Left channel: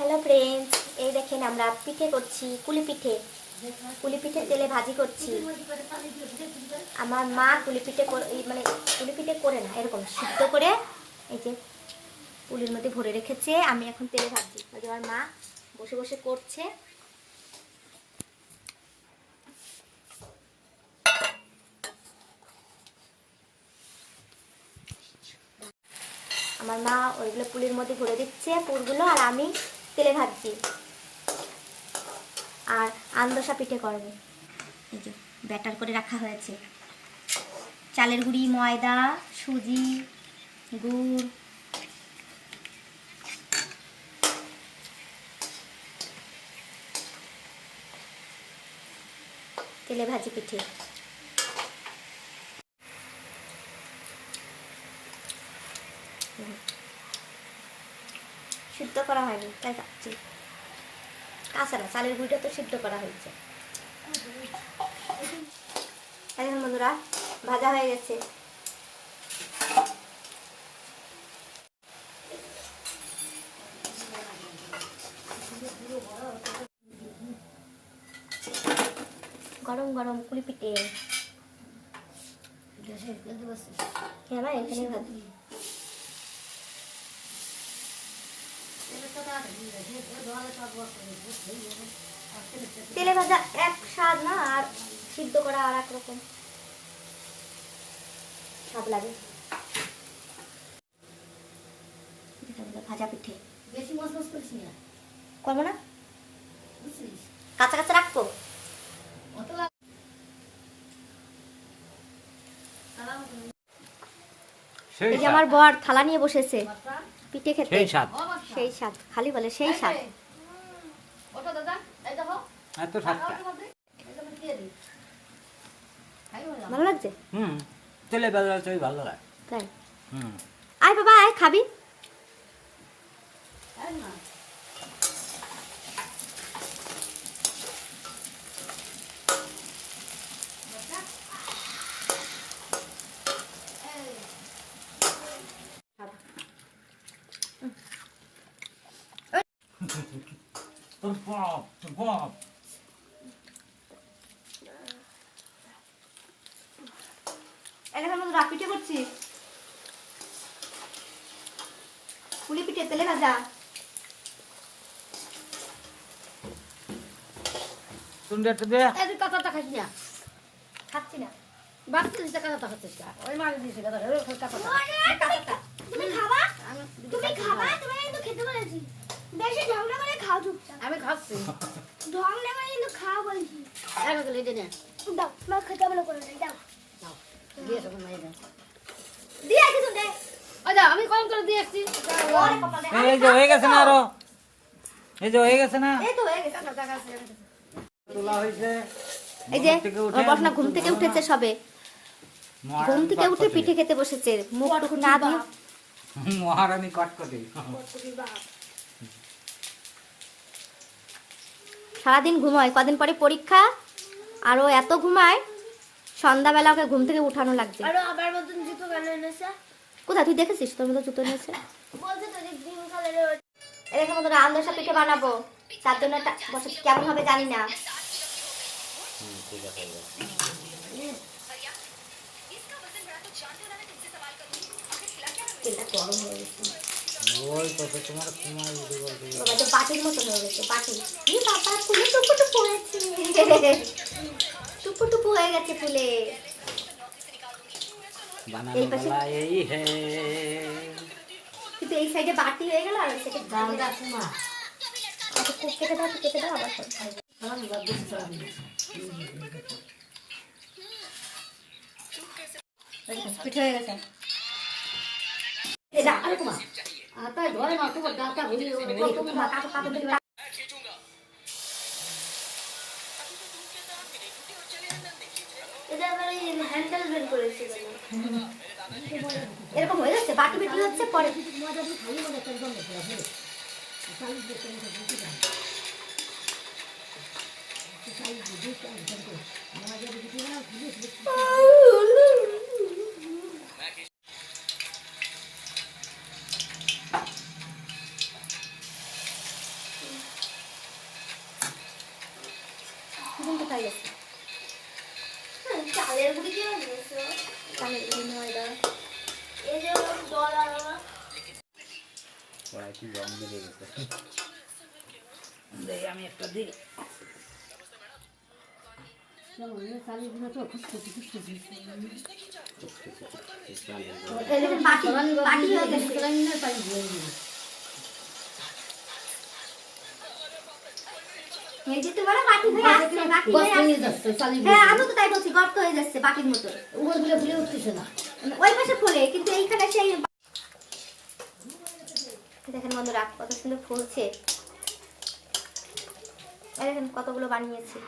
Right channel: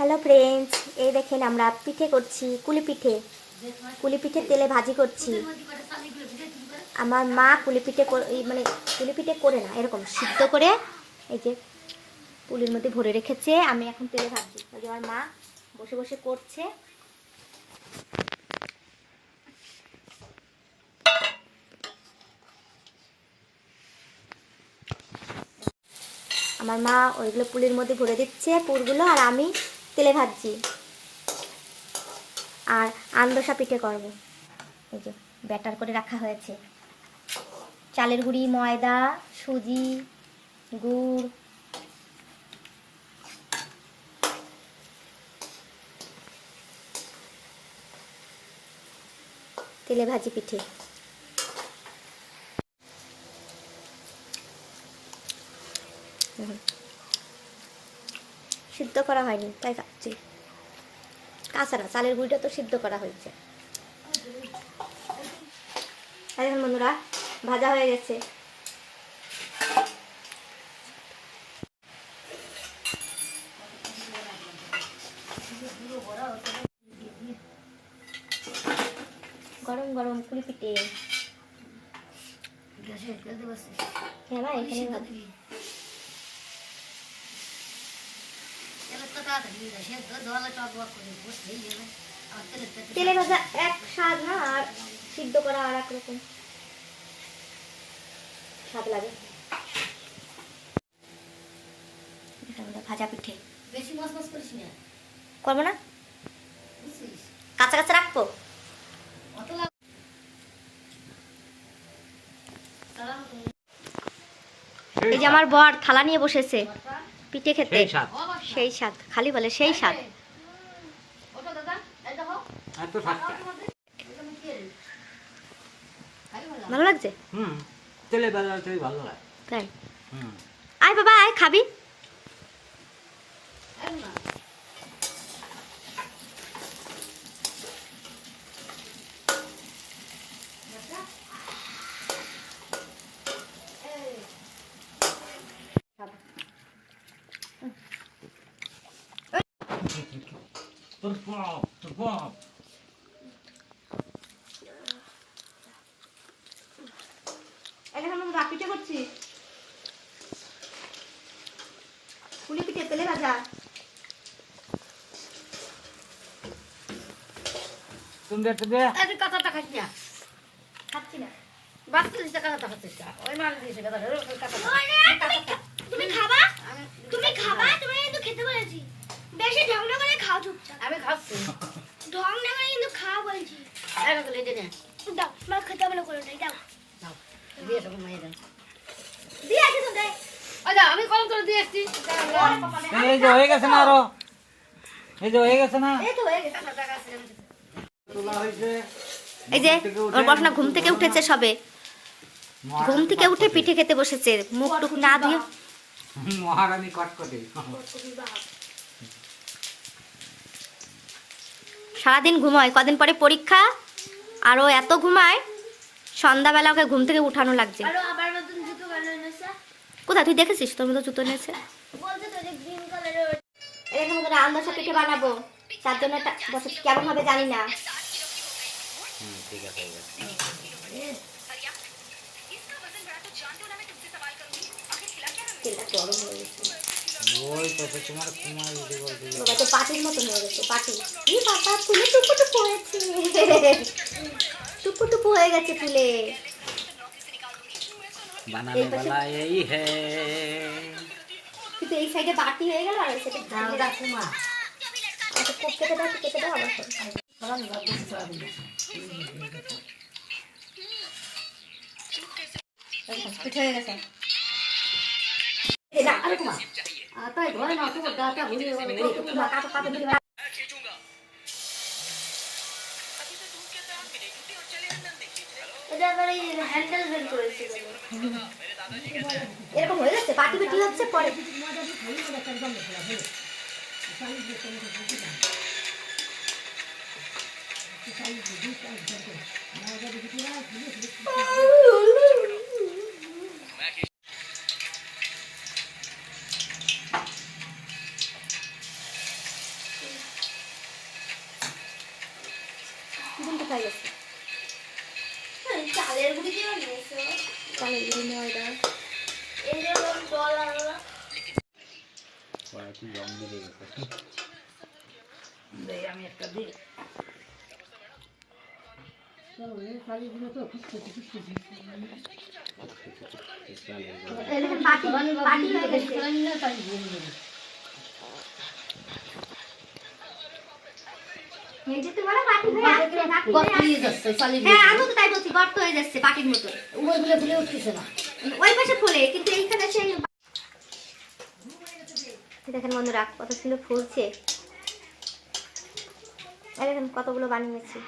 Hello friends এই দেখেন আমরা পিঠে করছি, কুলি পিঠে। কুলি পিঠে তেলে ভাজি করছি। আমার মা কুলি পিঠে মানে কুলি পিঠে করে না, এরকম সিদ্ধ করে এই যে পুলির মধ্যে ভরে রেখেছে, আমি এখন তেলে ভাজছি আমার মা বসে বসে করছে। আমার মা ওইগুলো পুলির মধ্যে ভরে দিচ্ছে পুরগুলো, আর আমি তেলে ভাজছি। আর আন্দোসা পিঠে করবে। এই যে ব্যাটার করে রাখা হয়েছে। চালের গুঁড়ি, ময়দা, সুজি, গুড়। তেলে ভাজি পিঠে। সিদ্ধ করা হয়নি, তাই ভাবছি না চালের গুঁড়িটা তো সিদ্ধ করা হয়েছে। বন্ধুরা ভাজা হয়ে গেছে। গরম গরম কুলি পিঠে হ্যাঁ এখানে ভাজি তেলে ভাজা এক স্বাদ না আর সিদ্ধ করা আর এক রকম। স্বাদ লাগে। ভাজা পিঠে। বেশি মস মস করিস না। করব না? কাঁচা কাঁচা রাখব? এই যে আমার বর থালা নিয়ে বসেছে। পিঠে খেতে। সেই স্বাদ। সেই স্বাদ খালি বলে সেই স্বাদ। ভালো লাগছে? হুম তেলে বেলা ভালো লাগে। তাই? হুম। আয় বাবা আয় খাবি তোর পপ তোর পপ এখন আমরা পিঠে করছি? পুলি পিঠে তেলে ভাজা দে। তুই কাঁচাটা খাইস না। খাচ্ছি না। বাচ্চা দিচ্ছে কাঁচাটা খাচ্ছিস ওই মাছ দিয়েছে কাঁচাটা তুমি খাবা আমি তুমি খাবা তুমি কিন্তু খেতে বলেছি বেশি ঢং না করে খাও চুপচাপ আমি খাচ্ছি। ঢং না করে কিন্তু খাওয়া বলছি। দাও মা খেতে বলে করে নাই দাও। দাও দিয়ে সব দাও দিয়ে আসি তো দে দাও আমি করে দিয়ে এই যে হয়ে গেছে না আরও? এই যে হয়ে গেছে না? এই তো হয়ে গেছে তোলা হয়েছে এই যে ওর পড়াশোনা ঘুম থেকে উঠেছে সবে। ঘুম থেকে উঠে পিঠে খেতে বসেছে। মুখ টুক না দিয়ে। মহারানী কটকটি সারাদিন ঘুমায়। কদিন পরে পরীক্ষা আর ও এত ঘুমায় সন্ধ্যাবেলা ওকে ঘুম থেকে উঠানো লাগছে। আরও আবার নতুন জুতো কেন এনেছে। কোথায়? তুই দেখেছিস? তোর মতো জুতো নিয়েছে পিঠে বানাবো। তার জন্য একটা বছর কেমন হবে জানি না। গরম হয়ে গেছে। ওই তো তোমার কুমার যদি বলতে তো পাটির মতো হয়ে গেছে পাটি ই বাবা তুমি টুকু টুকু হয়েছে টুকু টুকু হয়ে গেছে ফুলে বানানে বলা এই হে। কিন্তু এই সাইডে বাটি হয়ে গেল আর সেটা দাঁড়া কুমার কেটে দাও কেটে দাও আর পিঠে হয়ে গেছে। এটা আর কুমার কেটে দাও আর একটা। সালাম দাও দিছি সালাম দাও পিঠে হয়ে গেছে এটা আরে কুমা আতাই ঘরে না তোমার গাটা ভুলে গেল কাটো কাটো দিলে এটা এবারে হ্যান্ডেল বের করেছে এরকম হয়ে যাচ্ছে বাটি বাটি হচ্ছে পরে পাটি বেসন কোথায় গেছে চালের গুঁড়ি দিয়ে চালের গুঁড়ি ময়দা। এই যে কি রং দেবে আমি একটা দিই। তোমার? হ্যাঁ আমি তো তাই বলছি গর্ত হয়ে যাচ্ছে পাটির মতো ওই পাশে ফুলে কিন্তু এইখানে সেই দেখেন বন্ধুরা কত সুন্দর ফুলছে। দেখেন কতগুলো বানিয়েছি।